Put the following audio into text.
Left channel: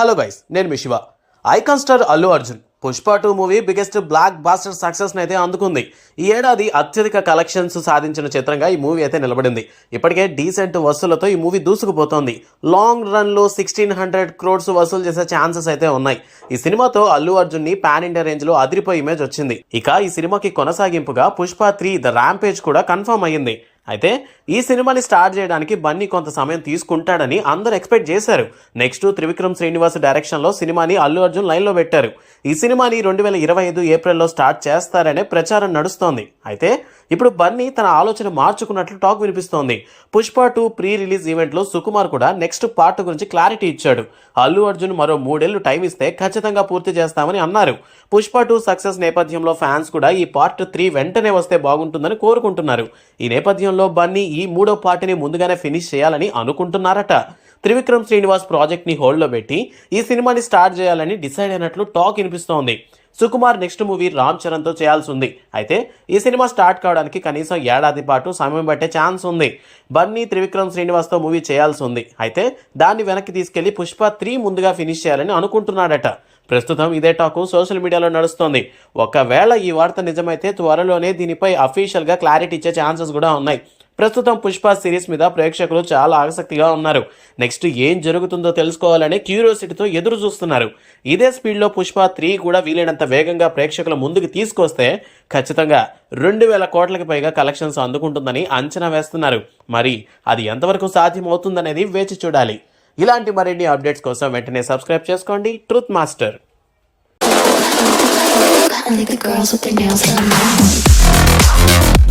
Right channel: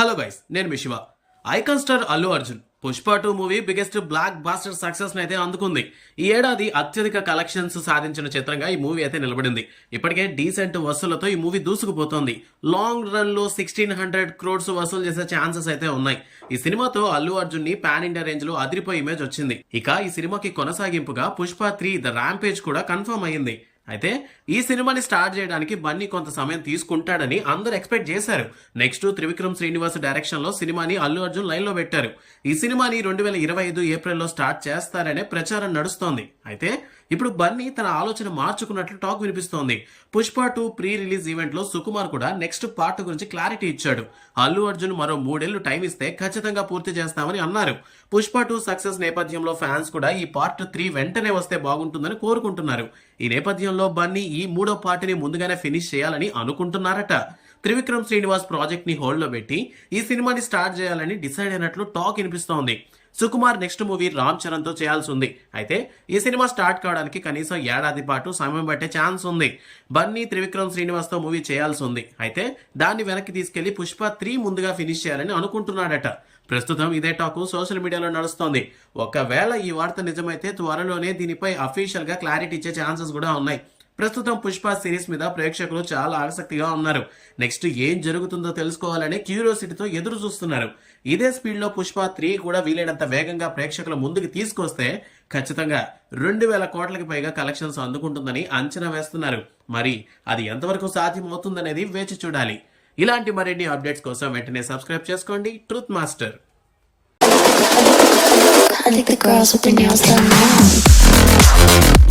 Hello guys, నేను మీ Shiva. Icon star Allu Arjun Pushpa 2 movie biggest blockbuster success అయితే అందుకుంది. ఈ ఏడాది అత్యధిక కలెక్షన్స్ సాధించిన చిత్రంగా ఈ మూవీ అయితే నిలబడింది. ఇప్పటికే డీసెంట్ వసూలతో ఈ మూవీ దూసుకుపోతోంది. లాంగ్ రన్ లో 1600 crores వసూలు చేసే ఛాన్సెస్ అయితే ఉన్నాయి. ఈ సినిమాతో అల్లు అర్జున్ ని పాన్ ఇండియా రేంజ్ లో అదిరిపోయే ఇమేజ్ వచ్చింది. ఇక ఈ సినిమాకి కొనసాగింపుగా పుష్ప 3 ద ర్యాంపేజ్ కూడా కన్ఫర్మ్ అయ్యింది. అయితే ఈ సినిమాని స్టార్ట్ చేయడానికి బన్నీ కొంత సమయం తీసుకుంటాడని అందరూ ఎక్స్పెక్ట్ చేశారు. నెక్స్ట్ త్రివిక్రమ్ శ్రీనివాస్ డైరెక్షన్లో సినిమాని అల్లు అర్జున్ లైన్లో పెట్టారు. ఈ సినిమాని 2025 ఏప్రిల్లో స్టార్ట్ చేస్తారనే ప్రచారం నడుస్తోంది. అయితే ఇప్పుడు బన్నీ తన ఆలోచన మార్చుకున్నట్లు టాక్ వినిపిస్తోంది. పుష్ప 2 ప్రీ రిలీజ్ ఈవెంట్లో సుకుమార్ కూడా నెక్స్ట్ పార్ట్ గురించి క్లారిటీ ఇచ్చాడు. అల్లు అర్జున్ మరో 3 ఏళ్లు టైం ఇస్తే ఖచ్చితంగా పూర్తి చేస్తామని అన్నారు. పుష్ప 2 సక్సెస్ నేపథ్యంలో ఫ్యాన్స్ కూడా ఈ పార్ట్ 3 వెంటనే వస్తే బాగుంటుందని కోరుకుంటున్నారు. ఈ నేపథ్యంలో బన్నీ ఈ 3వ పార్ట్ని ముందుగానే ఫినిష్ చేయాలని అనుకుంటున్నారట. త్రివిక్రమ్ శ్రీనివాస్ ప్రాజెక్ట్ ని హోల్డ్లో పెట్టి ఈ సినిమాని స్టార్ట్ చేయాలని డిసైడ్ అయినట్లు టాక్ వినిపిస్తోంది. సుకుమార్ నెక్స్ట్ మూవీ రామ్ చరణ్తో చేయాల్సి ఉంది. అయితే ఈ సినిమా స్టార్ట్ కావడానికి కనీసం ఏడాది పాటు సమయం పట్టే ఛాన్స్ ఉంది. బన్నీ త్రివిక్రమ్ శ్రీనివాస్తో మూవీ చేయాల్సి ఉంది. అయితే దాన్ని వెనక్కి తీసుకెళ్లి పుష్ప 3 ముందుగా ఫినిష్ చేయాలని అనుకుంటున్నాడట. ప్రస్తుతం ఇదే టాకు సోషల్ మీడియాలో నడుస్తోంది. ఒకవేళ ఈ వార్త నిజమైతే త్వరలోనే దీనిపై అఫీషియల్గా క్లారిటీ ఇచ్చే ఛాన్సెస్ కూడా ఉన్నాయి. ప్రస్తుతం పుష్ప సిరీస్ మీద ప్రేక్షకులు చాలా ఆసక్తిగా ఉన్నారు. నెక్స్ట్ ఏం జరుగుతుందో తెలుసుకోవాలనే క్యూరియాసిటీతో ఎదురు చూస్తున్నారు. ఇదే స్పీడ్లో పుష్ప 3 కూడా వీలైనంత వేగంగా ప్రేక్షకుల ముందుకు తీసుకొస్తే ఖచ్చితంగా 2000 కోట్లకి పైగా కలెక్షన్స్ అందుకుంటుందని అంచనా వేస్తున్నారు. మరి అది ఎంతవరకు సాధ్యమవుతుందనేది వేచి చూడాలి. ఇలాంటి మరిన్ని అప్డేట్స్ కోసం వెంటనే సబ్స్క్రైబ్ చేసుకోండి truth master. I think the girls with their nails done now.